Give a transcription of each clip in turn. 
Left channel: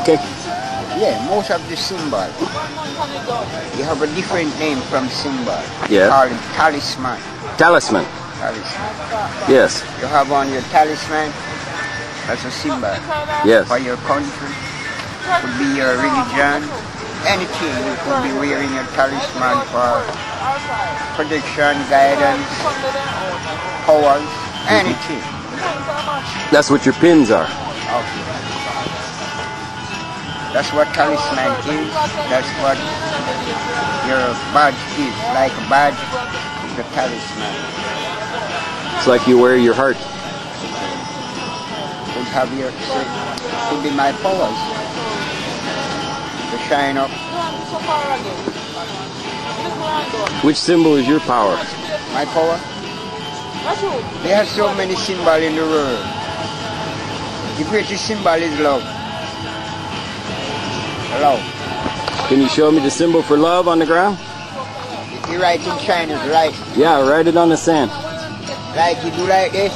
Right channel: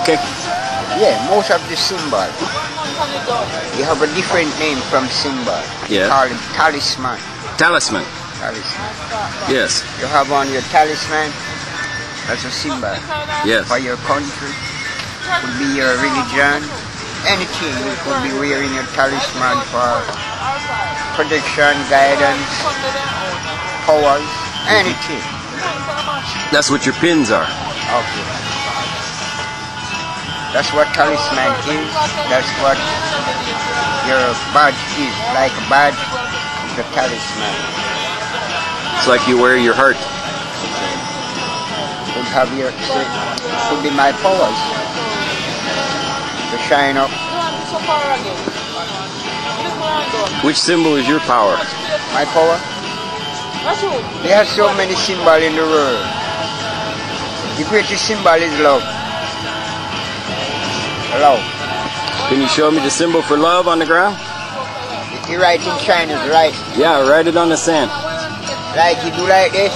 Okay. Yeah, most of the symbol, you have a different name from symbol. Yeah. Called talisman. Talisman. Talisman. Yes. You have on your talisman, that's a symbol. Yes. For your country, could be your religion, anything. You could be wearing a talisman for protection, guidance, powers, anything. That's what your pins are. Okay. That's what talisman is. That's what your badge is. Like a badge, the talisman. It's like you wear your heart. You have your, could be my powers to shine up. Which symbol is your power? My power? There are so many symbols in the world. The greatest symbol is love. Love. Can you show me the symbol for love on the ground? If you write in Chinese, right? Yeah, write it on the sand. Like you do like this.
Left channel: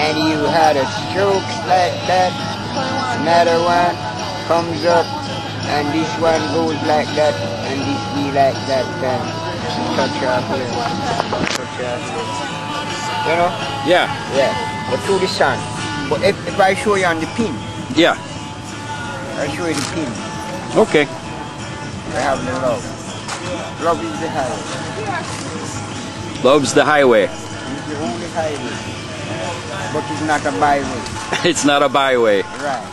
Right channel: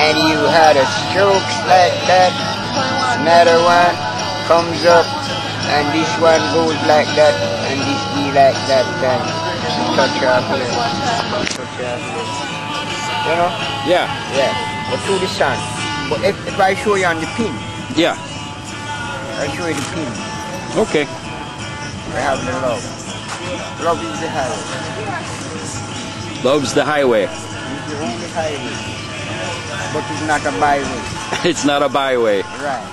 And you had a stroke like that. Another one comes up. And this one goes like that. And this be like that. Then touch up here. Touch up here. You know? Yeah. Yeah. But through the sun. But if I show you on the pin. Yeah. I'll show you the pin. Okay. I have the love. Love is the highway. Love's the highway. It's the only highway. But it's not a byway. It's not a byway. Right.